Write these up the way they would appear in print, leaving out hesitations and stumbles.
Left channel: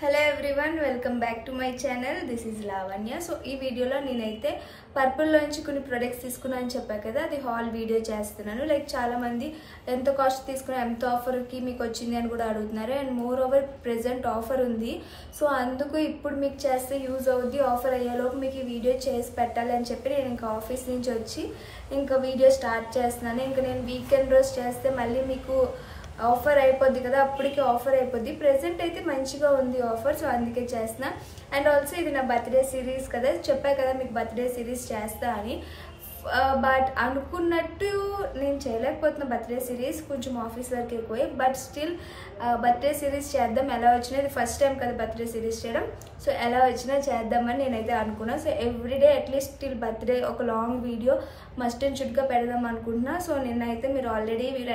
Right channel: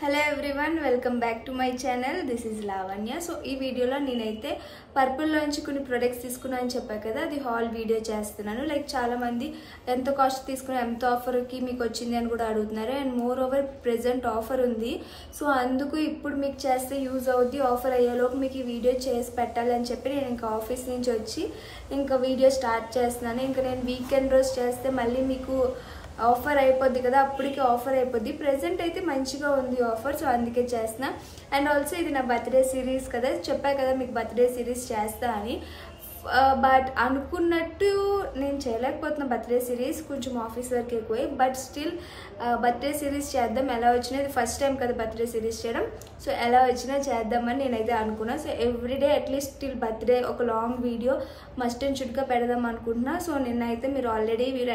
Hello everyone, welcome back to my channel. This is Lavanya. So ఈ వీడియోలో నేనైతే పర్పుల్లోంచి కొన్ని ప్రొడక్ట్స్ తీసుకున్నా అని చెప్పా కదా, అది హాల్ వీడియో చేస్తున్నాను. లైక్ చాలా మంది ఎంత కాస్ట్ తీసుకున్నా, ఎంత ఆఫర్కి మీకు వచ్చింది అని కూడా అడుగుతున్నారు. And more over present offer ఉంది. సో అందుకు ఇప్పుడు మీకు చేస్తే యూజ్ అవుద్ది. ఆఫర్ అయ్యేలోపు మీకు ఈ వీడియో చేసి పెట్టాలని చెప్పి నేను ఇంకా ఆఫీస్ నుంచి వచ్చి ఇంకా వీడియో స్టార్ట్ చేస్తున్నాను. ఇంకా నేను వీకెండ్ రోజు చేస్తే మళ్ళీ మీకు ఆఫర్ అయిపోద్ది కదా, అప్పటికి ఆఫర్ అయిపోద్ది. ప్రెసెంట్ అయితే మంచిగా ఉంది ఆఫర్, సో అందుకే చేస్తున్నా. అండ్ ఆల్సో ఇది నా బర్త్డే సిరీస్ కదా, చెప్పా కదా మీకు బర్త్డే సిరీస్ చేస్తా అని. బట్ అనుకున్నట్టు నేను చేయలేకపోతున్నా. బర్త్డే సిరీస్ కొంచెం ఆఫీస్ వర్క్ ఎక్కువే, బట్ స్టిల్ బర్త్డే సిరీస్ చేద్దాం. ఎలా వచ్చినా ఇది ఫస్ట్ టైం కదా బర్త్డే సిరీస్ చేయడం, సో ఎలా వచ్చినా చేద్దామని నేనైతే అనుకున్నా. So everyday at least till birthday ఒక లాంగ్ వీడియో మస్ట్ అండ్ షుడ్గా పెడదాం అనుకుంటున్నా. సో నిన్నైతే మీరు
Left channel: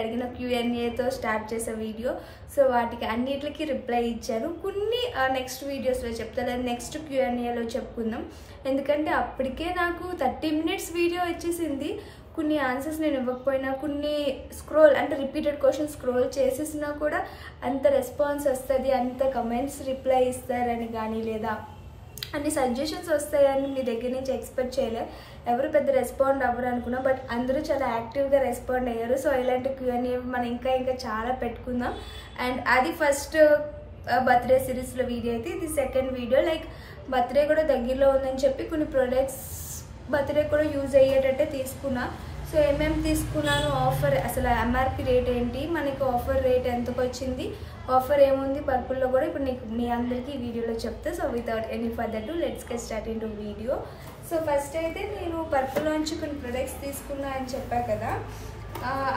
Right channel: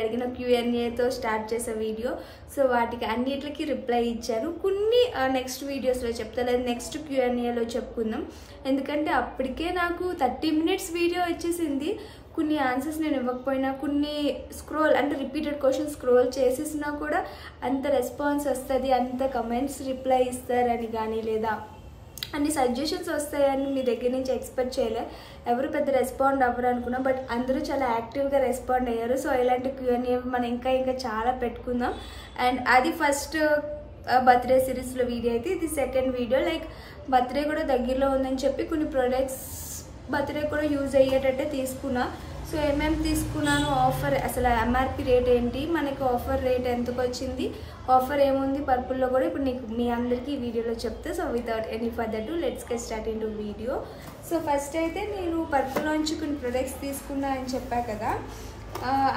అడిగిన Q&Aతో స్టార్ట్ చేసే వీడియో, సో వాటికి అన్నిటికి రిప్లై ఇచ్చాను. కొన్ని నెక్స్ట్ వీడియోస్లో చెప్తా, లేదా నెక్స్ట్ Q&Aలో చెప్పుకుందాం. ఎందుకంటే అప్పటికే నాకు 30 minutes వీడియో వచ్చేసింది. కొన్ని ఆన్సర్స్ నేను ఇవ్వకపోయినా, కొన్ని స్క్రోల్ అంటే రిపీటెడ్ క్వశ్చన్స్ స్క్రోల్ చేసేసినా కూడా అంత రెస్పాన్స్ వస్తుంది, అంత కమెంట్స్ రిప్లై ఇస్తారని కానీ, లేదా అన్ని సజెషన్స్ వస్తాయని మీ దగ్గర నుంచి ఎక్స్పెక్ట్ చేయలే. ఎవరు పెద్ద రెస్పాండ్ అవ్వరు అనుకున్నా, బట్ అందరూ చాలా యాక్టివ్గా రెస్పాండ్ అయ్యారు. సో ఇలాంటి Q&A మనం ఇంకా చాలా పెట్టుకుందాం. అండ్ అది ఫస్ట్ బర్త్డే సిరీస్లో వీడియో అయితే, ఇది సెకండ్ వీడియో. లైక్ బర్త్డే కూడా దగ్గరలో ఉందని చెప్పి కొన్ని ప్రొడక్ట్స్ బర్త్డే కూడా యూజ్ అయ్యేటట్టే తీసుకున్నా. సో ఏమేమి తీసుకున్నాను, ఆఫర్ అసలు MRP రేట్ ఏంటి, మనకి ఆఫర్ రేట్ ఎంతకు వచ్చింది, ఆఫర్ ఏముంది పర్పుల్లో కూడా ఇప్పుడు నీకు మీ అందరికీ ఈ వీడియోలో చెప్తా. So without any further to let's get start in to video. So first అయితే నేను పర్పుల్లోంచి కొన్ని ప్రొడక్ట్స్ తీసుకున్నా అని చెప్పా కదా,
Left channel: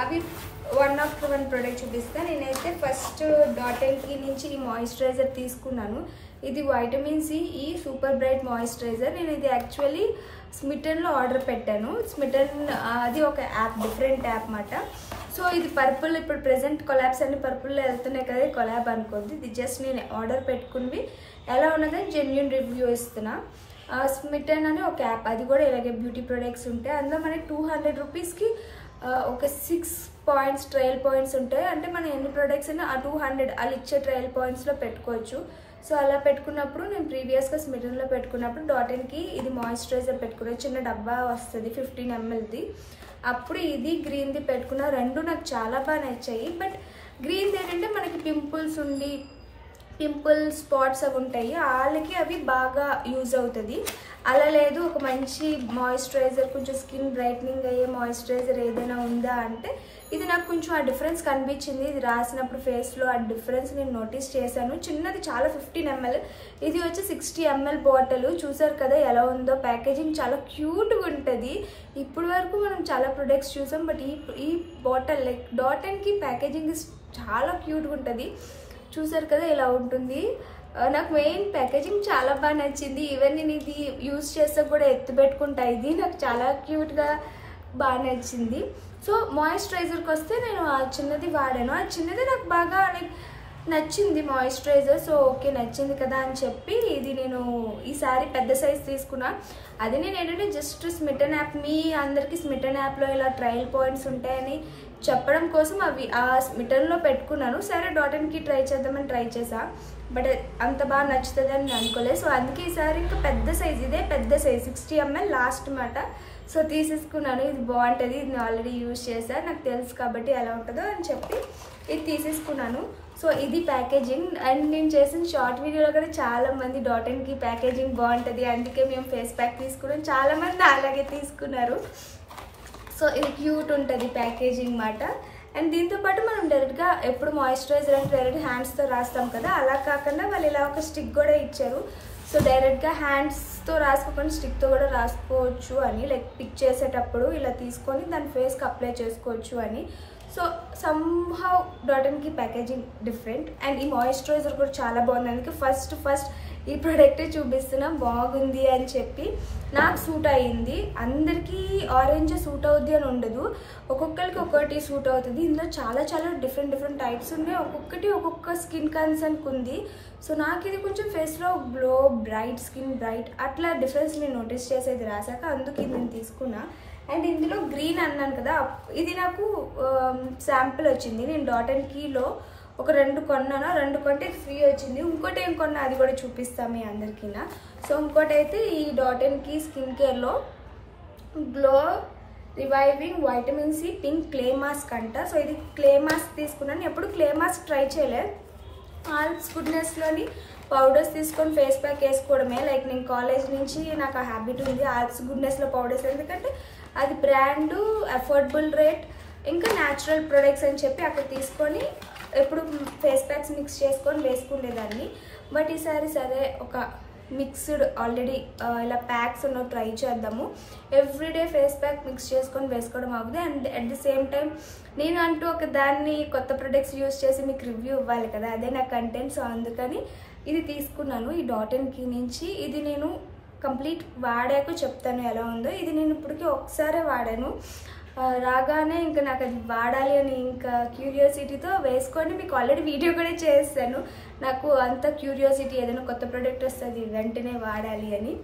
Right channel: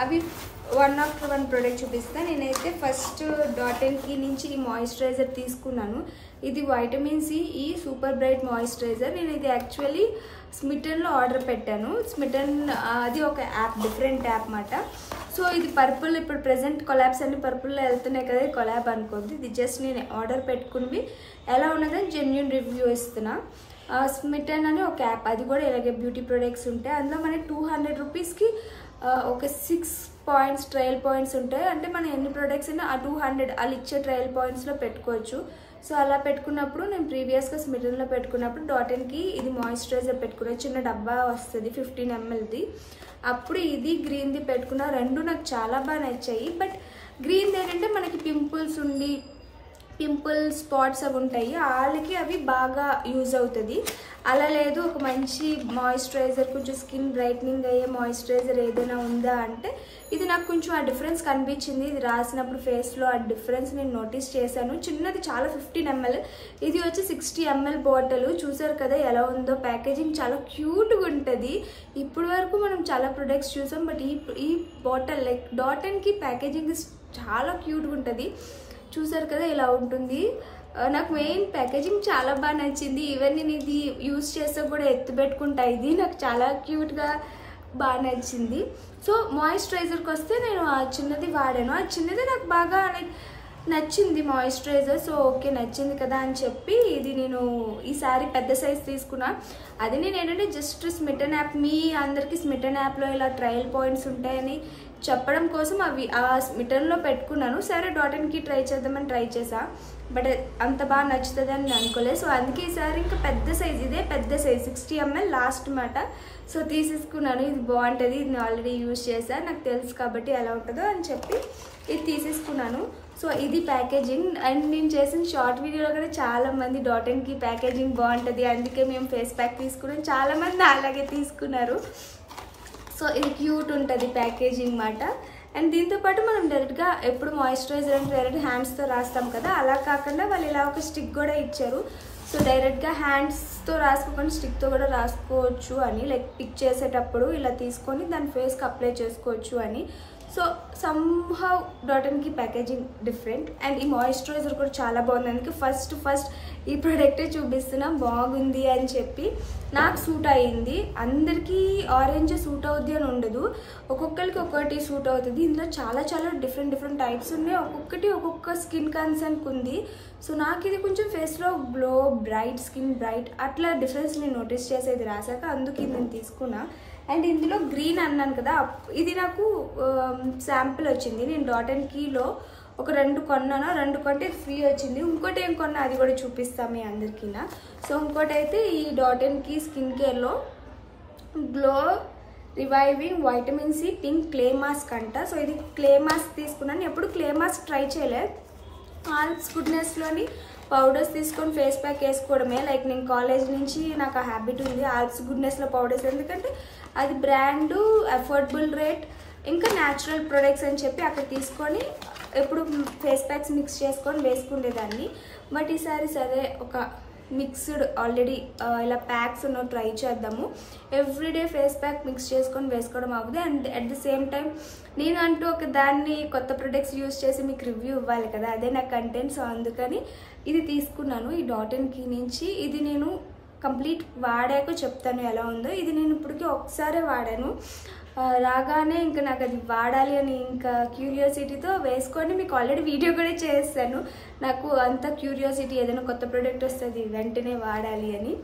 అవి వన్ ఆఫ్టర్ వన్ ప్రొడక్ట్ చూపిస్తాను. నేనైతే ఫస్ట్ డాటెన్కి నుంచి ఈ మాయిశ్చరైజర్ తీసుకున్నాను. ఇది వైటమిన్ సి ఈ సూపర్ బ్రైట్ మాయిశ్చరైజర్. నేను ఇది యాక్చువల్లీ స్మిటన్లో ఆర్డర్ పెట్టాను. స్మిటన్ అది ఒక యాప్, డిఫరెంట్ యాప్ మాట. సో ఇది పర్పుల్, ఇప్పుడు ప్రెసెంట్ కొలాబ్స్ అన్ని పర్పుల్లో వెళ్తున్నాయి కదా, కొలాబ్ అనుకోద్ది. ఇది జస్ట్ నేను ఆర్డర్ పెట్టుకుని ఎలా ఉన్నదని జెన్యూన్ రివ్యూ ఇస్తున్నా. స్మిటన్ అని ఒక యాప్, అది కూడా ఇలాగే బ్యూటీ ప్రొడక్ట్స్ ఉంటాయి. అందులో మనకి 200 రూపీస్కి ఒక 6 పాయింట్స్ ట్రయల్ పాయింట్స్ ఉంటాయి. అంటే మనం ఎన్ని ప్రొడక్ట్స్ అయినా ఆ 200 వాళ్ళు ఇచ్చే ట్రయల్ పాయింట్స్లో పెట్టుకోవచ్చు. సో అలా పెట్టుకున్నప్పుడు నేను ప్రీవియస్గా స్మిటన్లో పెట్టుకున్నప్పుడు డాటెన్కి ఇది మాయిశ్చరైజర్ పెట్టుకున్నా. చిన్న డబ్బా వస్తుంది 15 mlది. అప్పుడు ఇది గ్రీన్ది పెట్టుకున్నా. రెండు నాకు చాలా బాగా నచ్చాయి. బట్ గ్రీన్ది ఏంటంటే మనకి పింపుల్ స్పాట్స్ అవి ఉంటాయి, వాళ్ళకి అవి బాగా యూజ్ అవుతుంది. అలా లేదు, ఒక మంచి మాయిశ్చరైజర్, కొంచెం స్కిన్ బ్రైట్నింగ్ అయ్యే మాయిశ్చరైజర్ ఏదైనా ఉందా అంటే ఇది నాకు కొంచెం ఆ డిఫరెన్స్ కనిపించింది. ఇది రాసినప్పుడు ఫేస్లో ఆ డిఫరెన్స్ నేను నోటీస్ చేశాను. చిన్నది చాలా 15 ml, ఇది వచ్చి 60 ml బాటిల్. చూసారు కదా ఎలా ఉందో, ప్యాకేజింగ్ చాలా క్యూట్గా ఉంటుంది. ఇప్పుడు వరకు మనం చాలా ప్రొడక్ట్స్ చూసాం, బట్ ఈ బాటిల్ లైక్ డాటెన్కి ప్యాకేజింగ్ చాలా క్యూట్గా ఉంటుంది. చూసారు కదా ఇలా ఉంటుంది. నాకు మెయిన్ ప్యాకేజింగ్ చాలా బాగా నచ్చింది. ఈవెన్ నేను ఇది యూజ్ చేస్తే కూడా ఎత్తు పెట్టుకుంటా. ఇది నాకు చాలా క్యూట్గా బాగా నచ్చింది. సో మాయిశ్చరైజర్కి వస్తే నేను ఆ చిన్నది వాడాను. ఆ చిన్నది నాకు బాగా లైక్ నచ్చింది మాయిశ్చరైజర్. సో ఓకే నచ్చింది కదా అని చెప్పి ఇది నేను ఈసారి పెద్ద సైజ్ తీసుకున్నా. అది నేను ఏంటంటే జస్ట్ స్మిటన్ యాప్, మీ అందరికీ స్మిటన్ యాప్లో ఇలా ట్రయల్ పాయింట్స్ ఉంటాయని చెప్పడం కోసం అవి ఆ స్మిటన్లో పెట్టుకున్నాను. సరే డాటెన్కి ట్రై చేద్దామని ట్రై చేసా, బట్ అంత బాగా నచ్చుతుంది అని నేను అనుకోలేదు. సో అందుకే ఈసారి ఇంకా పెద్ద సైజ్, ఇదే పెద్ద సైజ్ 60 ml లాస్ట్ మాట. సో తీసేసుకున్నాను. ఇది బాగుంటుంది, ఇది నేను ఆల్రెడీ యూజ్ చేశాను, నాకు తెలుసు కాబట్టి ఎలా ఉంటుందో అని చెప్పి ఇది తీసేసుకున్నాను. సో ఇది ప్యాకేజింగ్. అండ్ నేను చేసిన షార్ట్ వీడియోలో కూడా చాలా మంది డాటెన్కి ప్యాకేజింగ్ బాగుంటుంది, అందుకే మేము ఫేస్ ప్యాక్ తీసుకున్నాం, చాలా మంది అలాగే తీసుకున్నారు. సో ఇది క్యూట్ ఉంటుంది ప్యాకేజింగ్ మాట. అండ్ దీంతోపాటు మనం డైరెక్ట్గా ఎప్పుడు మాయిశ్చరైజర్ అంటే డైరెక్ట్ హ్యాండ్స్తో రాస్తాం కదా, అలా కాకుండా వాళ్ళు ఇలా ఒక స్టిక్ కూడా ఇచ్చారు. సో డైరెక్ట్గా హ్యాండ్స్తో రాసుకోకుండా స్టిక్తో కూడా రాసుకోవచ్చు అని, లైక్ పిక్ చేసేటప్పుడు ఇలా తీసుకొని దాని ఫేస్కి అప్లై చేసుకోవచ్చు అని. సో సమ్హౌ డాటెన్కి ప్యాకేజింగ్ డిఫరెంట్. అండ్ ఈ మాయిశ్చరైజర్ కూడా చాలా బాగుంది. అందుకే ఫస్ట్ ఈ ప్రోడక్ట్ చూపిస్తున్నా, బాగుంది అని చెప్పి. నాకు సూట్ అయ్యింది. అందరికీ ఆరెంజ్ సూట్ అవుద్ది అని ఉండదు, ఒక్కొక్కరికి ఒక్కొక్కటి సూట్ అవుతుంది. ఇందులో చాలా డిఫరెంట్ టైప్స్ ఉన్నాయి, ఒక్కొక్కటి ఒక్కొక్క స్కిన్ కన్సర్న్కి ఉంది. సో నాకు ఇది కొంచెం ఫేస్లో గ్లో, బ్రైట్ స్కిన్, బ్రైట్ అట్లా డిఫరెన్స్ నేను నోటీస్ చేసేది రాసాక, అందుకు ఇది నేను తీసుకున్నా. అండ్ ఇందులో గ్రీన్ అన్నాను కదా, ఇది నాకు శాంపిల్ వచ్చింది. నేను డాటెన్కీలో ఒక 2 కొన్నాను, 2 కొంటే ఫ్రీ వచ్చింది. ఇంకోటి ఏం కొన్నా అది కూడా చూపిస్తాను మీ అందరికీ. సో ఇంకోటి అయితే ఈ డాట్&కీ స్కిన్ కేర్లో glow reviving vitamin C pink clay mask అంట. సో ఇది క్లే మాస్క్ తీసుకున్నాను, ఎప్పుడు క్లే మాస్క్ ట్రై చేయలేదు. ఆల్ప్స్ గుడ్నెస్లోని పౌడర్స్ తీసుకొని ఫేస్ ప్యాక్ వేసుకోవడమే. లైక్ నేను కాలేజ్ నుంచి నాకు ఆ హ్యాబిట్ ఉంది ఆల్ప్స్ గుడ్నెస్లో పౌడర్స్, ఎందుకంటే అది బ్రాండు, అఫోర్డబుల్ రేట్, ఇంకా న్యాచురల్ ప్రొడక్ట్స్ అని చెప్పి అక్కడ తీసుకొని ఎప్పుడు ఫేస్ ప్యాక్స్ మిక్స్ చేసుకొని వేసుకునేదాన్ని. బట్ ఈసారి సరే ఒక మిక్స్డ్ ఆల్రెడీ ఇలా ప్యాక్స్ ఉన్న ట్రై చేద్దాము. ఎవ్రీడే ఫేస్ ప్యాక్ మిక్స్ చేసుకొని వేసుకోవడం అవుతుంది. And at the same time నేను అంటూ ఒక దాన్ని కొత్త ప్రొడక్ట్స్ యూజ్ చేసి మీకు రివ్యూ ఇవ్వాలి కదా, అదే నా కంటెంట్. సో అందుకని ఇది తీసుకున్నాను ఈ డాట్&కీ నుంచి. ఇది నేను కంప్లీట్ వాడాక చెప్తాను ఎలా ఉందో. ఇది నేను ఇప్పటికీ ఒకసారే వాడాను, రాగానే ఇంకా నాకు అది వాడాలి అని ఇంకా క్యూరియాసిటీతో వేసుకొని మీకు ఆల్రెడీ వీడియో కూడా చేస్తాను. నాకు అంత క్యూరియాసిటీ, ఏదైనా కొత్త ప్రోడక్ట్ వస్తుంది వెంటనే వాడాలి అని.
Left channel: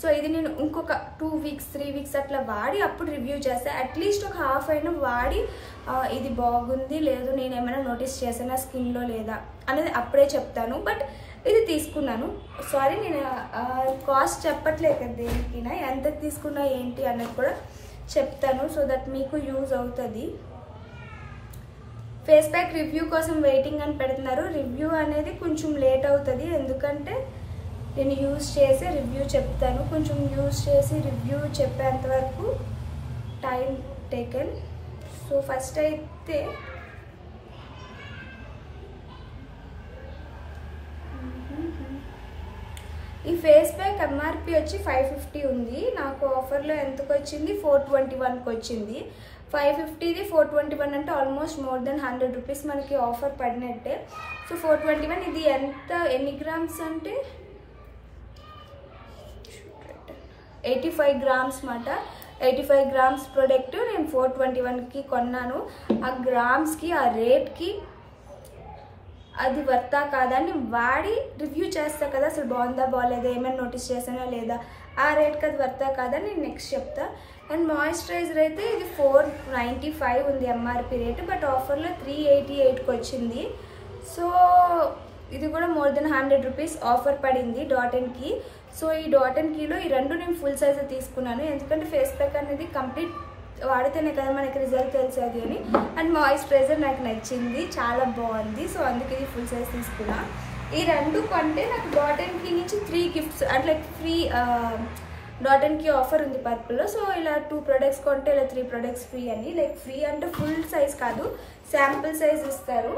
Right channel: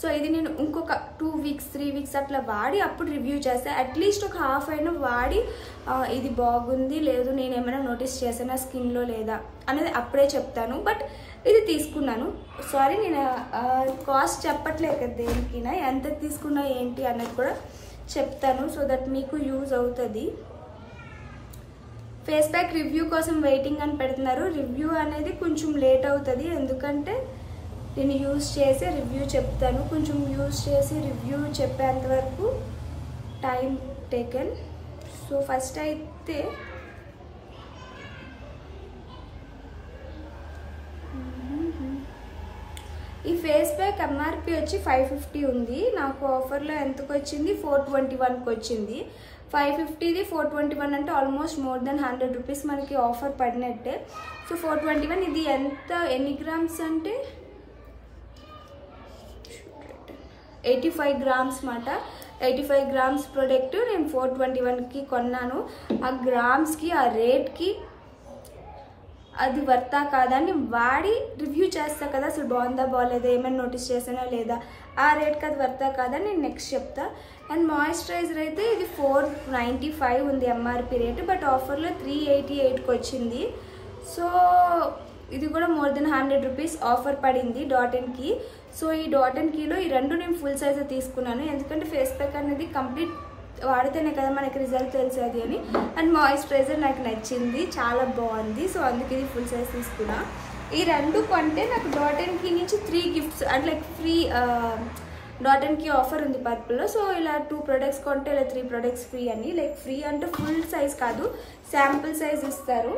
సో ఇది నేను ఇంకొక 2 వీక్స్ 3 వీక్స్ అట్లా వాడి అప్పుడు రివ్యూ చేస్తాను. అట్లీస్ట్ ఒక హాఫ్ అయినా వాడి ఇది బాగుంది లేదు నేను ఏమైనా నోటీస్ చేశానా స్కిన్లో లేదా అనేది అప్పుడే చెప్తాను. బట్ ఇది తీసుకున్నాను. సారీ నేను కాస్ట్ చెప్పట్లేదు కదా దేనికైనా, ఎంత తీసుకున్నా ఏంటి అన్నది కూడా చెప్తాను. సో దట్ మీకు యూజ్ అవుతుంది. ఫేస్ ప్యాక్ రివ్యూ కోసం వెయిటింగ్ అని పెడుతున్నారు. రివ్యూ అనేది కొంచెం లేట్ అవుతుంది, ఎందుకంటే నేను యూజ్ చేసి రివ్యూ చెప్తాను. కొంచెం యూజ్ చేసి రివ్యూ చెప్పేంత వరకు టైం టేకెన్. సో ఫస్ట్ అయితే ఈ ఫేస్ ప్యాక్ ఎంఆర్పి వచ్చి 550 ఉంది. నాకు ఆఫర్లో ఎంతకు వచ్చింది 421కి వచ్చింది. 550ది 421 అంటే ఆల్మోస్ట్ మోర్ దెన్ 100 రూపీస్ మనకి ఆఫర్ పడినట్టే. సో 421. ఇది ఎన్ని గ్రామ్స్ అంటే 85 గ్రామ్స్ మాట. 85 గ్రామ్స్ ప్రోడక్ట్ నేను 421కి కొన్నాను. ఆ గ్రామ్స్కి ఆ రేట్కి అది వర్తా కాదా అని వాడి రివ్యూ చేస్తా కదా. సో బాగుందా బాగాలేదా ఏమైనా నోటీస్ చేసానా లేదా, ఆ రేట్కి అది వర్తా కాదా నేను నెక్స్ట్ చెప్తా. అండ్ మాయిశ్చరైజర్ అయితే ఇది 495 ఉంది ఎంఆర్పి రేటు, బట్ ఆఫర్లో 388కి వచ్చింది. సో ఇది కూడా మోర్ దెన్ 100 రూపీస్ ఆఫర్ పడింది డాట్&కీ. సో ఈ డాట్&కీలో ఈ రెండు నేను ఫుల్ సైజ్ తీసుకున్నాను, ఎందుకంటే ఫేస్ ప్యాక్ అనేది కంప్లీట్ వాడితేనే కదా మనకి రిజల్ట్ తెలిసేది అని. అండ్ మాయిశ్చరైజర్ నాకు నచ్చింది, చాలా బాగుంది. సో అందుకే ఇది ఫుల్ సైజ్ తీసుకున్నా. ఈ రెండు కొంటే నాకు డాట్&కీ నుంచి 3 గిఫ్ట్స్ అంటే లైక్ ఫ్రీ డాట్&కీ ఆఫర్ ఉంది పర్పుల్లో. సో ఇలా 2 ప్రొడక్ట్స్ కొంటే ఇలా 3 ప్రొడక్ట్స్ ఫ్రీ అని. లైక్ ఫ్రీ అంటే ఫుల్ సైజ్ కాదు, శాంపుల్ సైజ్ ఇస్తారు.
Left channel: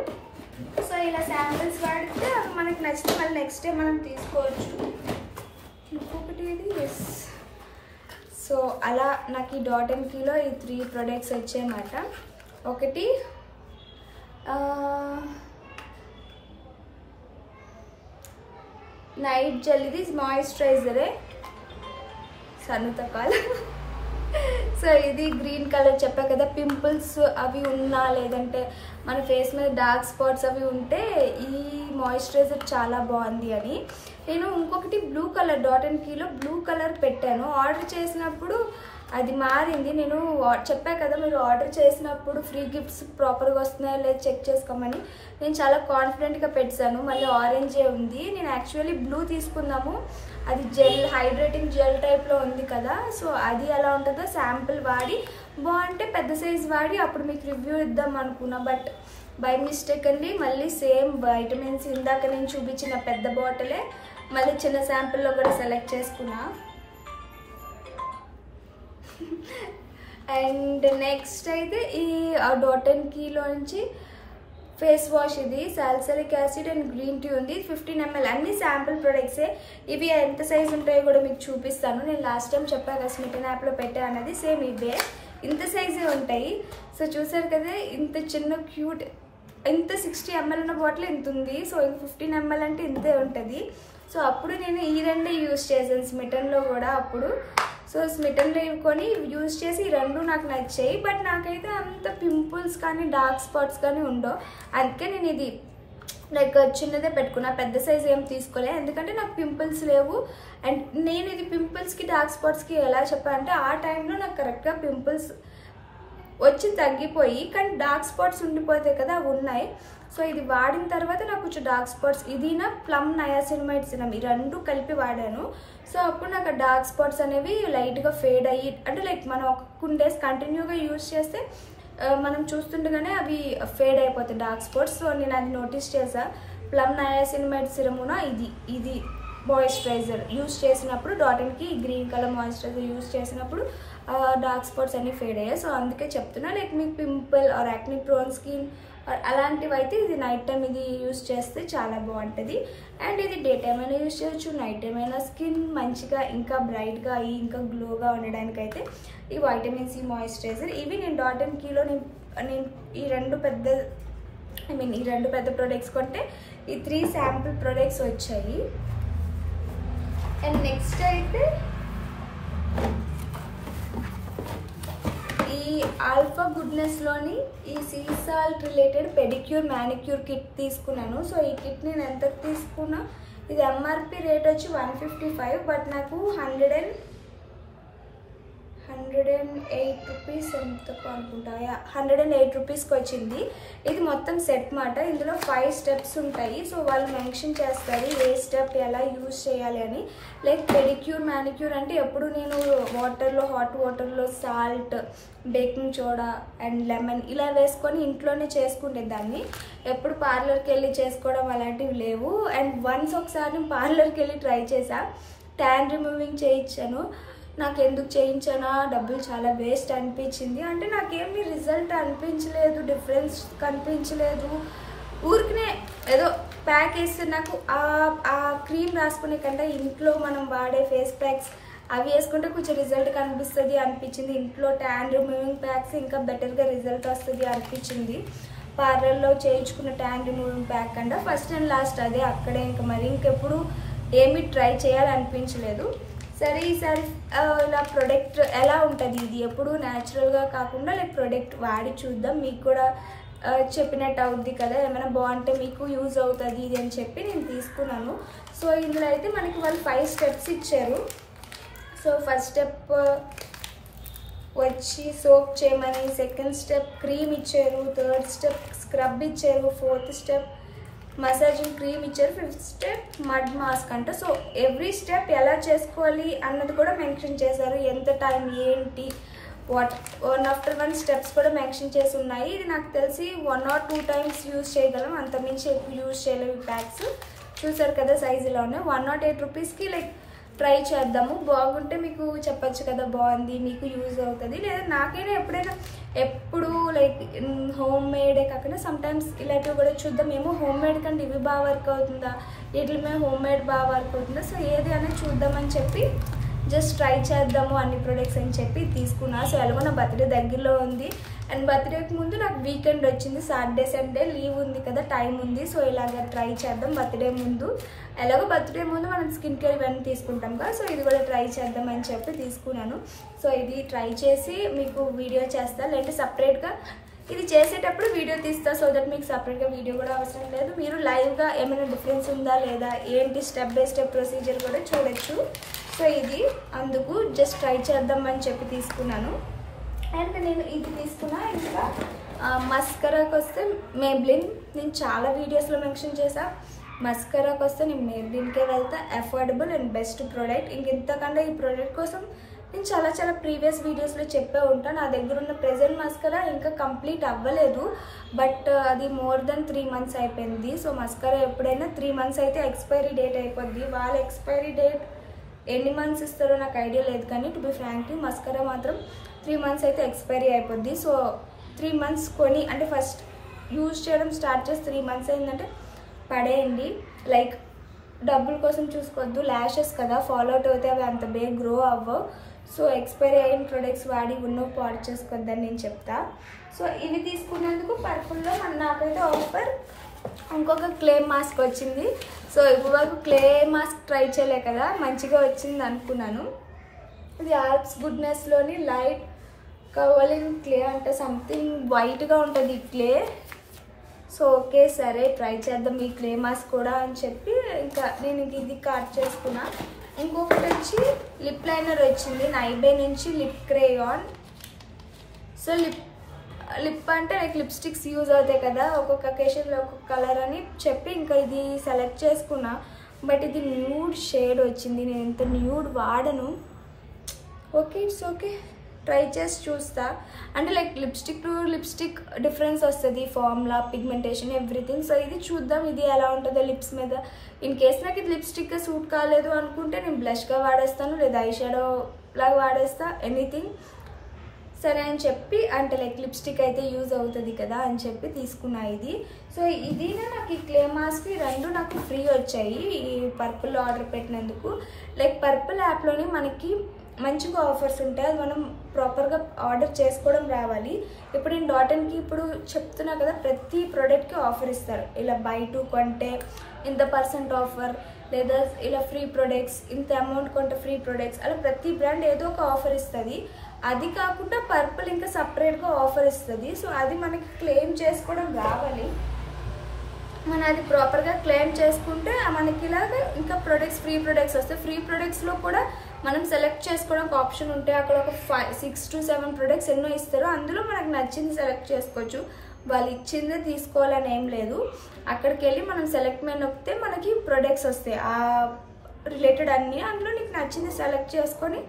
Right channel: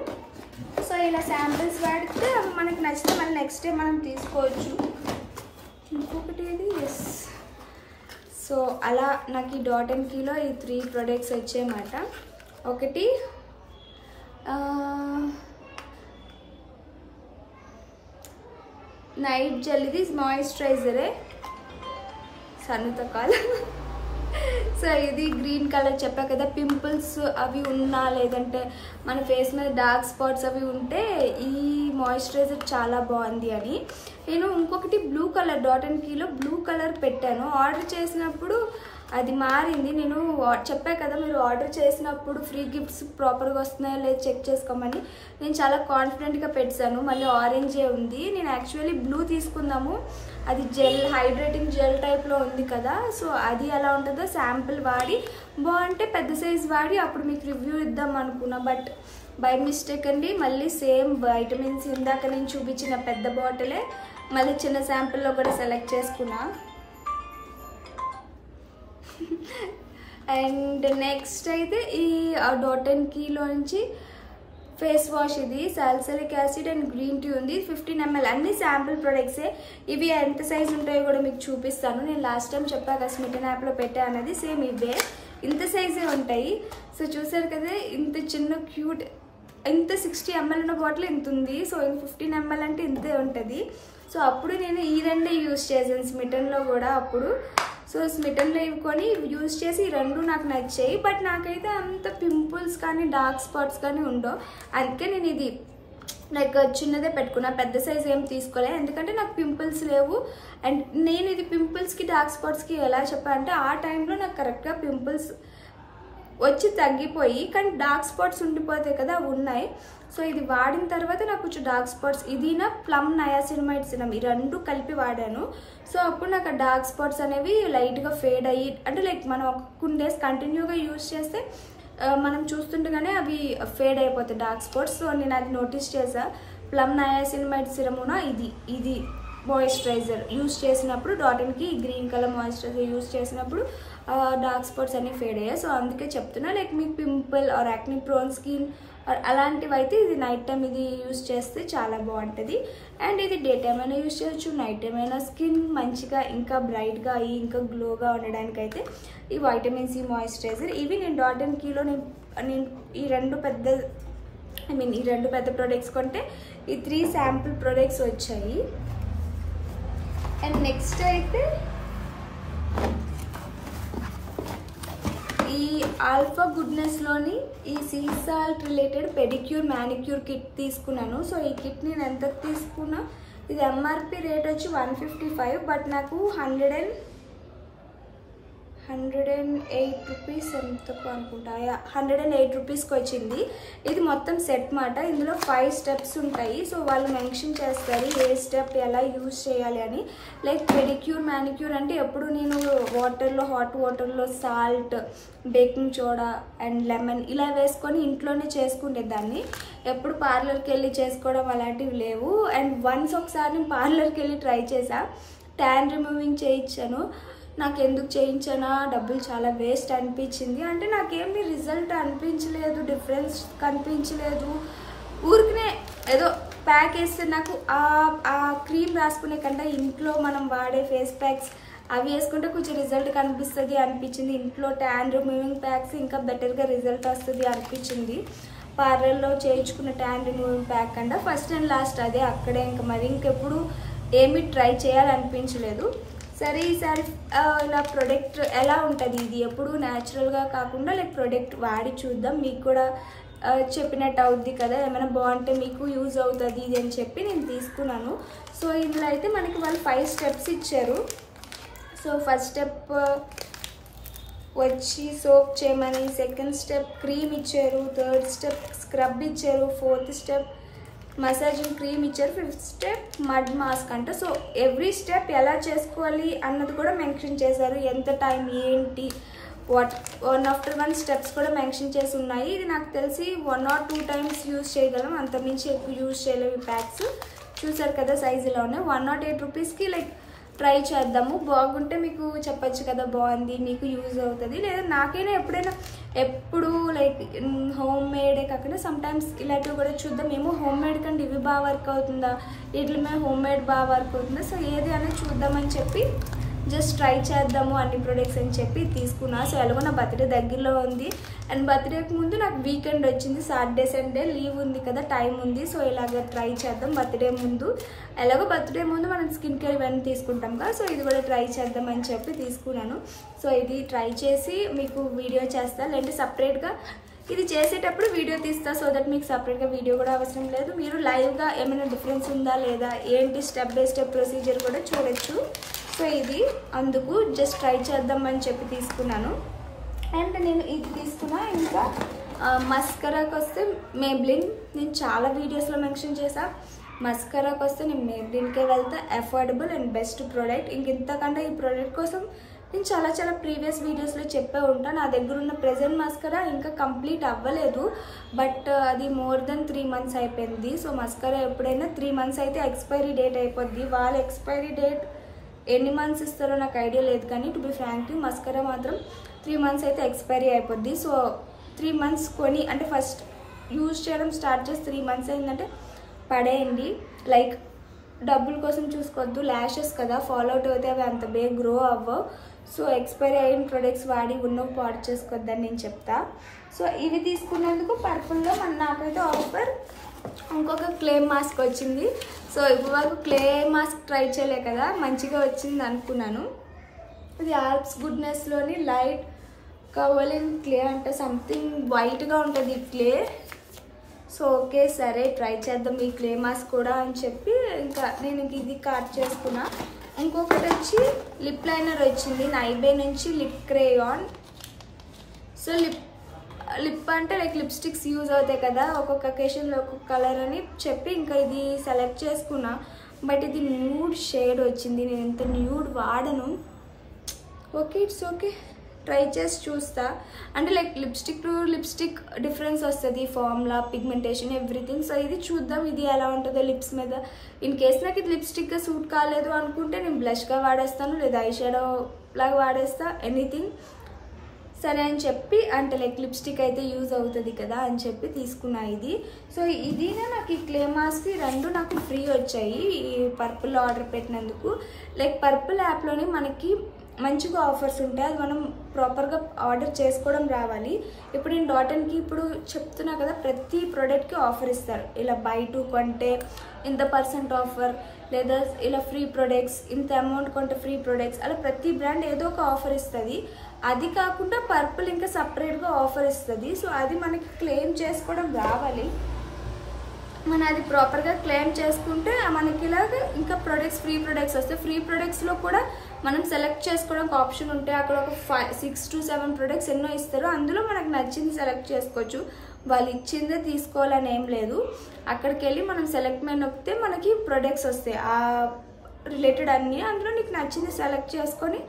సో ఇలా శాంపిల్స్ వాడితే అవి మనకి నచ్చితే మళ్ళీ నెక్స్ట్ డే మనం తీసుకోవచ్చు. ఇంకొకటి ఇది ఎస్. సో అలా నాకు ఈ డాట్&కీలో ఈ 3 ప్రొడక్ట్స్ వచ్చాయన్నమాట. ఒకటి నైట్ జెల్, ఇది మాయిశ్చరైజరే సన్నుతకాల్. సో ఇది గ్రీన్ కలర్ చెప్పా కదా, పింపుల్స్ అవి ఉన్నా లేదంటే మన ఫేస్ మీద డార్క్ స్పాట్స్ అవి ఉంటే ఈ మాయిశ్చరైజర్ చాలా బాగుంది అని. నేను ఇంకొకటి బ్లూ కలర్ డాట్&కీలో బ్లూ కలర్ పెట్టాను, ఆర్డర్ చేసినప్పుడు అది మారింది. నేను చెప్పా కదా మీరు ఆర్డర్ చేసినప్పుడు ఫ్రీ గిఫ్ట్స్ ప్రాపర్గా వస్తున్నాయో లేదు చెక్ చేసుకోమని. నేను చాలా కాన్ఫిడెంట్గా పెట్టాను, మళ్ళీ ఆరెంజే ఉంది. నేను యాక్చువల్లీ బ్లూ తీసుకుందాము, అది జెల్ హైడ్రేటింగ్ జెల్ టైప్లో ఉంది కదా. సో అది ఎలా ఉంటుందో శాంపుల్ వాడి బాగుంటే పెద్ద సైజ్ వాడి అప్పుడు మీకు రివ్యూ ఇద్దాం అనుకున్నా. బట్ బై మిస్టేక్ అండి మళ్ళీ సేమ్ వైటమిన్స్ ఇందాక నేను చూపించిన పెద్ద బాటిలే మళ్ళీ చిన్న శాంపుల్లో కూడా సెలెక్ట్ చేసుకున్నా. అండ్ నెక్స్ట్ అయితే ఈ డాట్&కీలోంచి ఫేస్ వాష్, ఇది salicylic acid and green tea ఉంది, 15 ml. అన్ని శాంపుల్ ప్రొడక్ట్సే. ఇవి ఎంత సైజ్ ఉంటాయో కూడా మీకు చూపిస్తాను. నేను లాస్ట్ టైం చెప్పాక స్మిటన్ యాప్లో పెట్టా అన్నది సేమ్ ఇవే, ఇంత సైజే ఉంటాయి. సో చూసారు కదా ఇంత చిన్న క్యూట్, ఇంత 60 ml ఉన్న బాటిల్ ఇంత ఉంది. సో 15 ml అంటే ఇంతే ఉంటుంది. సో అప్పుడు నేను ఈ రెండే యూజ్ చేశాను స్మిటన్లో కూడా అప్పుడు. సో స్మిటన్లో ఇవి కొని యూజ్ చేసి ఈ రెండు నాకు నచ్చాయి. బట్ నాకైతే అంత పింపుల్స్ కానీ డార్క్ స్పాట్స్ కానీ ఉండవు, అందుకే నేను ఇది లైక్ చిన్నదే పెట్టుకున్నా, పెద్ద సైజ్ ఏం తీసుకోలే, ఎందుకంటే నాకు పింపుల్స్ లేవు. అండ్ నేను ఇది పింపుల్స్కి డార్క్ స్పాట్స్కి ఎలా చెప్పాలంటే ఆ టైంలో నాకు కరెక్ట్గా పింపుల్స్ వచ్చి తగ్గిపోయి కానీ డార్క్ స్పాట్స్ ఉండిపోతాయి కదా, అవి ఉన్నాయి. సో ఇది వాడిన తర్వాత నాకు కొంచెం డార్క్ స్పాట్స్, ఇదినా ప్లమ్ నయాసినమైడ్ సిరమ్ ఈ రెండు కలిపి వాడాను. సో అప్పుడు నాకు డార్క్ స్పాట్స్ అనేవి లైట్గా ఫేడ్ అయ్యి, అంటే లైక్ మనం ఒక కొన్ని డేస్ కంటిన్యూగా యూజ్ చేస్తే మనం చూస్తుండగానే అవి ఫేడ్ అయిపోతాయి డార్క్ స్పాట్స్. సో నేను అది నోటీస్ చేసా. ప్లమ్ నయాసినమైడ్ సిరమున ఇది మాయిశ్చరైజర్ యూజ్ చేసినప్పుడు డాటిన్కి గ్రీన్ కలర్ మాయిశ్చరైజర్ యూజ్ చేసినప్పుడు డార్క్ స్పాట్స్ అన్ని ఫేడ్ అయ్యాయి. సో అందుకే చెప్తున్నా, లైక్ మీకు pimple or acne prone skin అలాంటివి అయితే ఇది నైట్ టైం ఇది యూజ్ చేస్తే చాలా బాగుంటుంది. అండ్ ఇది డే టైం అయినా యూజ్ చేయొచ్చు, నైట్ టైం అయినా స్కిన్ మంచిగా ఇంకా బ్రైట్గా అయ్యి ఇంకా గ్లోగా ఉండడానికి అయితే ఈ వైటమిన్ సి మాయిశ్చరైజర్. ఇవి నేను డాట్ & కీలో నేను ఈ రెండు పెద్ద ప్రొడక్ట్స్ కొంటే ఈ 3 శాంపుల్ ప్రొడక్ట్స్ వచ్చాయి. అండ్ నెక్స్ట్ అయితే ఈ ఆల్ఫా గుడ్నెస్లోని ఈ sea salt related pedicure manicure kit తీసుకున్నాను. సో ఈ కిట్ నేను ఎంత తీసుకున్నా, ఇది ఎంఆర్పి రేట్ వచ్చి 155, బట్ నాకు 108 రూపీస్ ఎంతకు అనుకుంటా, 108 రూపీస్కి వచ్చింది. ఇది మొత్తం సెట్ మాట. ఇందులో 5 స్టెప్స్ ఉంటాయి. సో వాళ్ళు మెన్షన్ చేస్తారు ఏ స్టెప్ ఎలా యూజ్ చేయాలి అని. లైక్ పెడిక్యూర్ మ్యానిక్యూర్ అంటే ఎప్పుడు నేను హాట్ వాటర్లో salt, baking soda and lemon ఇలా వేసుకొని ఇంట్లోనే చేసుకుంటే దాన్ని, ఎప్పుడు పార్లర్కి వెళ్ళి చేసుకోవడం అలాంటివి లేవు. అండ్ వన్స్ ఒకసారి నేను పార్లర్కి వెళ్ళి ట్రై చేసా, ట్యాన్ రిమూవింగ్ చేయించాను. నాకు ఎందుకు చేయించానా, డబ్బులు చాలా వేస్ట్ అనిపించింది. అంటే నాకేమీ రిజల్ట్ అనిపించలేదు, డిఫరెన్స్ కనిపించలేదు. ఊరికనే ఏదో ప్యాక్ వేస్తే నాకు ఆ క్రీమ్ రాసుకునే కంటే ఇంట్లో మనం వాడే ఫేస్ ప్యాక్స్ అవి వేసుకుంటే కొంచెం రిజల్ట్ కనిపిస్తుంది అనిపించింది. ఇంట్లో ట్యాన్ రిమూవింగ్ ప్యాక్స్ ఇంకా బెటర్గా రిజల్ట్ వస్తుంది అనిపించింది. పార్లర్లో చేయించుకున్న ట్యాన్ రిమూవింగ్ ప్యాక్ కంటే ఫస్ట్ అండ్ లాస్ట్ అదే, అక్కడే ఇంకా మరి ఇంకెప్పుడు ఏమీ ట్రై చేయాలనిపించలేదు. సరే ఈసారి ఇలా ప్రోడక్ట్ ఎలా ఉంటుంది, ఇది ఎప్పుడు న్యాచురల్గా కాకుండా లైక్ ప్రోడక్ట్ వాడి చూద్దాం, మీకు కూడా చెప్పినట్టు అవుద్ది కదా, ఏమైనా బాగుంటే మీకు యూజ్ అవుతుంది ఇది అని చెప్పి నేను తీసుకున్నాను. సో ఇందులో అయితే మనకి వాళ్ళు 5 స్టెప్స్ ఇచ్చారు. సో ఫస్ట్ స్టెప్ వచ్చి సోప్ చేయమని, సెకండ్ స్టెప్ క్రీమ్ ఇచ్చారు, థర్డ్ స్టెప్ స్క్రబ్ ఇచ్చారు, ఫోర్త్ స్టెప్ మసాజింగ్ క్రీమ్ ఇచ్చారు, 5th స్టెప్ మడ్ మాస్క్ అంట. సో ఎవ్రీ స్టెప్ ఎలా చేసుకోవాలి అన్నది కూడా మెన్షన్ చేశారు, ఎంత టైం ఏంటి, వన్ ఆఫ్టర్ వన్ స్టెప్స్ కూడా మెన్షన్ చేసి ఉన్నాయి. ఇది నాకు తెలిసి 1 or 2 times యూజ్ చేయగలం, అంతమించి ఎక్కువ యూజ్ చేయలేము. ఈ ప్యాక్స్ చూసారు కదా సైజులో ఉన్నాయి. 108 రూపీస్కి లైక్ ట్రై చేద్దాము, బాగుంటే మీకు చెప్పచ్చు కదా బాగుంది మీకు యూజ్ అవుతుంది. లేదా నాకైనా ఎప్పుడు లైక్ హోమ్ మేడే కాకుండా సమ్టైమ్స్ ఇలాంటివి కూడా చూద్దాం, ఏమో హోమ్ మేడ్ కంటే ఇవి బాగా వర్క్ అవుతుందా, వీటి మీద హోమ్ మేడ్ బాగా వర్క్ అవుతుందా, సో ఏది అనేది చూద్దామని చెప్పి జస్ట్ ట్రై చేద్దాము అన్ని ప్రొడక్ట్స్ అని చెప్పి తీసుకున్నా. సో ఎలాగో నా బర్త్డే దగ్గరలో ఉంది, అండ్ బర్త్డేకి ముందు నాకు వీకెండ్ వచ్చింది, సాటర్డే సండే లీవ్ ఉంది కదా, టైం ఉంది. సో ఇలాగ ట్రై చేద్దాం బర్త్డే ముందు, ఎలాగో బర్త్డే ముందు మనం స్కిన్ కేర్ ఇవన్నీ తీసుకుంటాం కదా, సో ఇది కూడా ట్రై చేద్దాం అని చెప్పి తీసుకున్నాను. సో ఇది ట్రై చేసి మీకు వీడియో చేస్తా, లేదంటే సపరేట్గా ఇది చేసేటప్పుడు వీడియో తీస్తా, సో దట్ మీకు సపరేట్గా వీడియో కూడా అవసరం లేదు, మీరు లైవ్గా ఏమైనా డిఫరెన్స్ ఉందా లేదా ఏంటి స్టెప్ బై స్టెప్ ప్రొసీజర్ కూడా చూడొచ్చు. సో ఇది అందుకు జస్ట్ ట్రై చేద్దాం అని చెప్పి తీసుకున్నాను. అండ్ నేను ఇది తీసుకున్నా. ఇంకా మస్కరాకి వస్తే మేబ్లిన్, నేను చాలా వీడియోస్లో మెన్షన్ చేసా, మస్కరాకి వస్తే నేను మేబ్లిన్కే వెళ్తా, అఫోర్డబుల్ అండ్ బెస్ట్ ప్రోడక్ట్. ఇంతకంటే ఈ ప్రోడక్ట్ కోసం నేను చాలా ప్రీవియస్ వీడియోస్లో చెప్పే ఉంటాను. నా దగ్గర ఉన్న ప్రెజెంట్ మస్కరా ఇంకా కంప్లీట్ అవ్వలేదు, బట్ అది మోర్ దెన్ 3 months అయిపోయింది. సో మస్కరా ఎప్పుడైనా 3 months అయితే ఎక్స్పైరీ డేట్ అయిపోద్ది. వాళ్ళ ఎక్స్పైరీ డేట్ ఎన్ని మంత్స్ ఇస్తారో నాకు ఐడియా లేదు, కానీ టు బి ఫ్రాంక్లీ మస్కరా మాత్రం 3 months అయితే ఎక్స్పైరీ అయిపోద్ది. సో 3 months కొని, అంటే ఫస్ట్ యూజ్ చేయడం స్టార్ట్ చేసి 3 months అయిందంటే పడేయండి. లైక్ డబ్బుల కోసం చూసుకోవద్దు, ల్యాషెస్ కదా ఫాలో అవుట్ అయితే అవి అంత బేగ్ గ్రో అవ్వవు. సో ఎక్స్పైరీ అయిన ప్రొడక్ట్స్ వాడి ఉన్నవి పాడు చేసుకోవద్దని నేను చెప్తా. సో ఇవి తీసుకున్నందుకు పర్పుల్లో నాకైతే ఆఫర్ ఇంకొక క్లే మాస్క్ వచ్చింది. సో ఇప్పుడు వరకు క్లే మాస్క్ ట్రై చేయలే కదా, మంచిగా వచ్చింది అనుకున్నాను. ఇది ఆల్ప్స్ గుడ్నెస్లోని లైట్ కవర్లిన్ క్లే అంటే సంథింగ్ వైట్గా ఉంటుంది ఈ క్లే. సో ఓకే సరే ట్రై చేద్దాం ఈ క్లే మాస్క్ కూడా అని చెప్పి ఇంకా నేను ఇది కార్ట్ చేసుకున్నా. ఇంకొకటి వచ్చి లిప్ లైనర్ వచ్చింది నైబే నుంచి, లిప్ క్రేయాన్. సో లిప్ అంటే లైక్ లిప్స్టిక్స్ యూజ్ అవుతాయి కదా, ఒక్కొక్క అకేషన్లో ఒక్కొక్క కలర్ అని చెప్పి ఇంకా ఇది సెలెక్ట్ చేసుకున్నా. బట్ ఇది న్యూడ్ షేడ్ వచ్చింది. నేను ఇంత న్యూడ్ వాడను. ఓకే, ఇట్స్ ఓకే, ట్రై చేసి చూస్తా. అంటే like lipstick to lipstick difference వస్తుంది, ఫార్ములా, పిగ్మెంటేషన్, ఎవ్రీథింగ్. సో ఇది చూద్దాం ఇది ఎలా ఉంటుందో లిప్స్ మీద. ఇన్ కేస్ నాకు ఇది లిప్స్టిక్గా సూట్ కాలేదు అనుకుంటే నేను బ్లష్గా వాడేస్తాను, లేదా ఐ షాడో లాగా వాడేస్తా, ఎనీథింగ్. సరే అని చెప్పి అంటే లైక్ లిప్స్టిక్ అయితే యూజ్ అవుతుంది కదా అని చెప్పి తీసుకున్నా ఇది. సో ఇదినే నాకు ఈ క్లే మాస్క్ రెండు నాకు ఫ్రీ వచ్చాయి ఈ పర్పుల్ ఆర్డర్ పెట్టినందుకు. లైక్ పర్పుల్ యాప్లోని మనకి మంచిగా ఆఫర్స్ ఉంటాయి, అది మనం ప్రాపర్గా ఆర్డర్ చేసుకోవడం రావాలి. ఇప్పుడు నేను డాటన్కి ఇప్పుడు చెప్తున్నా కదా, ప్రతి ప్రోడక్ట్కి ఆఫర్ ఇస్తారు. ఇలా బై 2 కొంటే ఇంత % ఆఫర్, లేదా ఇలా ఫ్రీ ప్రొడక్ట్స్, ఇంత అమౌంట్ కొంటే ఫ్రీ ప్రొడక్ట్స్, అలా ప్రతి బ్రాండ్ ఏదో ఒక ఆఫర్ ఇస్తుంది. అది కాకుండా పర్పుల్ ఇంకా సపరేట్గా ఆఫర్ ఇస్తుంది. సో అది మనకి క్లెయిమ్ చేసుకోవడం రావాలి. మనం అది ప్రాపర్గా క్లెయిమ్ చేసుకుంటే మనకి ఇలాగ ఇంకా ప్రొడక్ట్స్, ఫ్రీ ప్రొడక్ట్స్ వస్తాయి. ఫ్రీ ప్రొడక్ట్స్లో కూడా మనం సెలెక్ట్ చేసుకోవడానికి ఆప్షన్ ఉంటే అక్కడ ఒక 6 to 7 ప్రొడక్ట్స్ ఎన్నో ఇస్తారు. అందులో మనకు నచ్చింది సెలెక్ట్ చేసుకోవచ్చు. వాళ్ళు ఇచ్చిందే తీసుకోవాలని ఏం లేదు. అక్కడికి వెళ్ళి మనం సెలెక్ట్ మీద నొక్కితే మనకి ప్రొడక్ట్స్ వస్తాయి ఆ రిలేటెడ్ అన్నీ. అందులో నీకు నచ్చింది సెలెక్ట్ చేసుకొని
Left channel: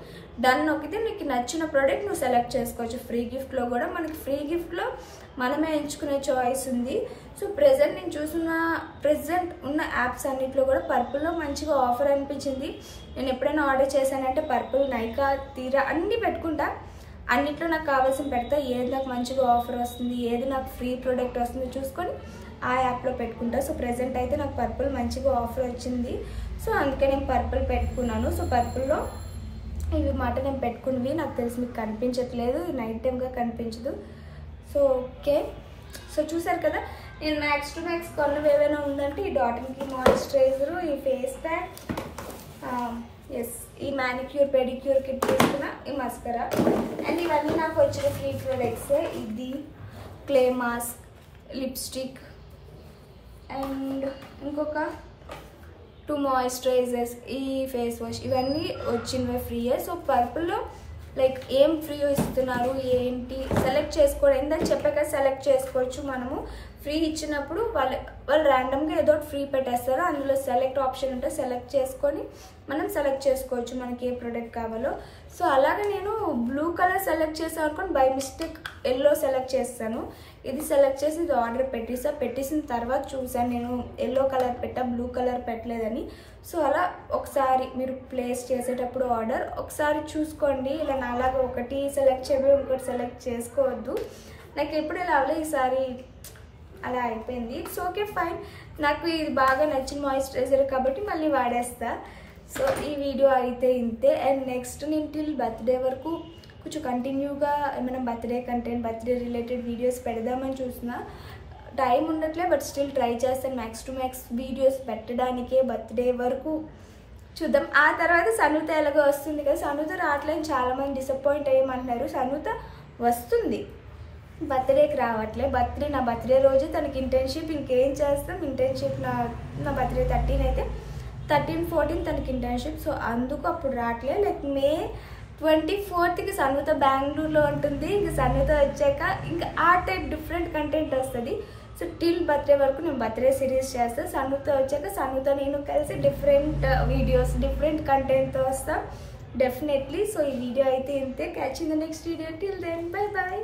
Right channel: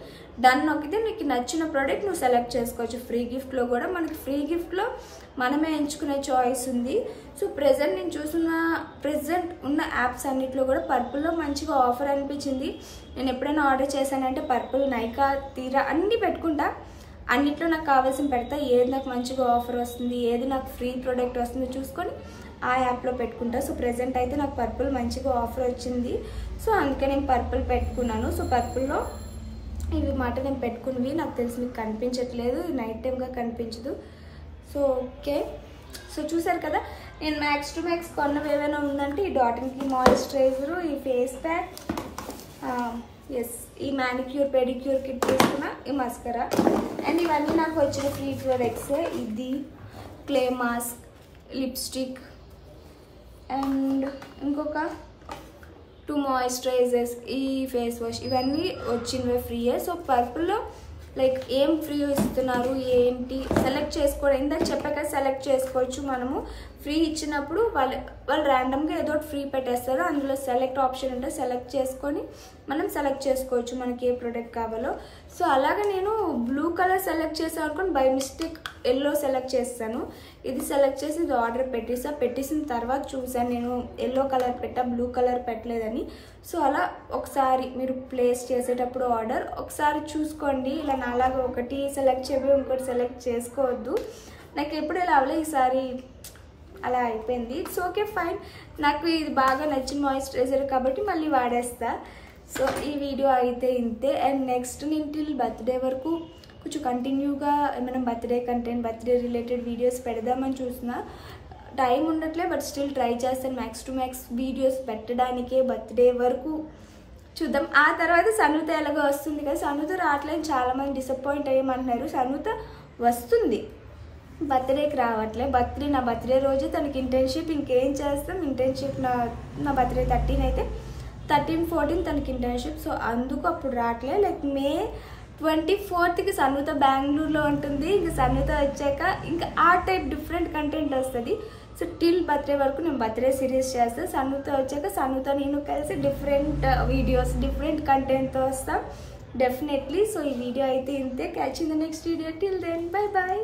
డన్ నొక్కితే నీకు నచ్చిన ప్రోడక్ట్ నువ్వు సెలెక్ట్ చేసుకోవచ్చు. ఫ్రీ గిఫ్ట్లో కూడా మనకి ఫ్రీ గిఫ్ట్లో మనమే ఎంచుకునే చాయిస్ ఉంది. సో ప్రెజెంట్ ఉన్న యాప్స్ అన్నిట్లో కూడా పర్పుల్లో మంచిగా ఆఫర్ అనిపించింది. నేను ఎప్పుడైనా ఆర్డర్ చేశానంటే పర్పుల్, నైకా, తీరా అన్నీ పెట్టుకుంటా. అన్నిట్లో నాకు కావాల్సిన పెడతా. ఏది నాకు మంచిగా ఆఫర్ వస్తుంది, ఏది నాకు ఫ్రీ ప్రోడక్ట్ వస్తుంది చూసుకొని ఆ యాప్లో పెట్టుకుంటా. సో ప్రెజెంట్ అయితే నాకు పర్పుల్ మంచిగా ఆఫర్ వచ్చింది. సో అందుకే నేను పర్పుల్ పెట్టుకున్నాను. సో పర్పుల్లో ఇవి మాట నేను పెట్టుకున్నవి. నాకు తెలిసి మీకు కనిపించట్లేదు, నైట్ టైమ్గా కనిపించదు. సో ఓకే, సో చూసారు కదా, నేను మ్యాక్స్ టు మ్యాక్స్ కొన్నవి ఏవైనా ఉందంటే ఈ డాటన్కి మాయిశ్చరైజరు, ఈ ఫేస్ ప్యాక్, ఎస్ ఈ మ్యానిక్యూర్ పెడిక్యూర్ కిట్ తీసుకున్న ఈ మస్కరా, అండ్ ఇవన్నీ నాకు వచ్చిన ఫ్రీ ప్రొడక్ట్స్. ఇది క్లే మాస్క్, లిప్స్టిక్, అండ్ ఇంకొక 2 మాయిశ్చరైజర్స్, ఈ ఫేస్ వాష్, ఇవన్నీ వచ్చినవే ఫ్రీయే. సో పర్పుల్లో లైక్ ఏం ఫ్రీ ఇస్తున్నారు ఏంటి సెలెక్ట్ చేసుకోవడం, ఇందాక చెప్పాక సెలెక్ట్ చేసుకోవచ్చు మనము. ఫ్రీ ఇచ్చినప్పుడు వాళ్ళు ర్యాండమ్గా ఏదో ఫ్రీ పెట్టేస్తారు. అందులో సెలెక్ట్ ఆప్షన్ ఉంటే సెలెక్ట్ చేసుకొని మనం సెలెక్ట్ చేసుకోవచ్చు మనకి ఏ ప్రోడక్ట్ కావాలో. సో అలాగే నేను బ్లూ కలర్ సెలెక్ట్ చేసాను అనుకోని బై మిస్టేక్ ఎల్లో సెలెక్ట్ చేస్తాను. ఇది సెలెక్ట్ చేసి ఇది ఆర్డర్ పెట్టేసిన తర్వాత చూసాను నేను ఎల్లో కలర్ పెట్టా, బ్లూ కలర్ పెట్టలేదని. సో అలా ఒకసారి మీరు ప్లేస్ చేసేటప్పుడు ఆర్డర్ ఒకసారి చూసుకోండి. ఇలా నాలాగా ఒకటి సెలెక్ట్ చేయబోయి ఇంకోటి సెలెక్ట్ చేసుకోవద్దు. నాకు ఎప్పుడు ఇలా అవలే, ఈసారి అలా అయిపోయింది. It's okay, fine. నాకు ఇది బాగా నచ్చిన మాయిశ్చరైజర్ కాబట్టి మళ్ళీ వాడేస్తా. సో ఈ వీడియో అయితే ఇంతే. అండ్ నెక్స్ట్ నేను టిల్ బర్త్డే వరకు కొంచెం కంటిన్యూగా ఏమైనా birthday content, birthday related videos పెడదామని చూసిన. టైం ఉండట్లే, బట్ స్టిల్ ట్రై చేస్తాను మ్యాక్స్ టు మ్యాక్స్ వీడియోస్ పెట్టడానికే బర్త్డే వరకు. చూద్దాం. ఆ తర్వాత సనుత ఎలాగో వస్తుంది కదా, సనుత రావట్లేదు, చాలామంది డిసప్పాయింట్ అయ్యమంటున్నారు. సనుత వస్తుంది, బర్త్డేకి రావట్లే. నా బర్త్డే రోజు తనకి ఇంటర్న్షిప్, ఇంకేం చేస్తాం ఇంటర్న్షిప్. నా బర్త్డే 13 అయితే 13, 14 తనకి ఇంటర్న్షిప్. సో అందుకు అప్పుడు రావట్లే. లైక్ May 24కి సనుత బెంగళూరులో ఉంటుంది. ఇంకా సనుత వచ్చాక ఇంకా ఆ టైప్ డిఫరెంట్ కంటెంట్ వస్తుంది. సో టిల్ బర్త్డే వరకు నేను బర్త్డే సిరీస్ చేస్తాను. సనుత వచ్చాక సనుత నేను కలిసి డిఫరెంట్ వీడియోస్, డిఫరెంట్ కంటెంట్తో వస్తాం డెఫినెట్లీ. సో ఈ వీడియో అయితే ఇంతే. Catch in the next video. Till then, bye bye.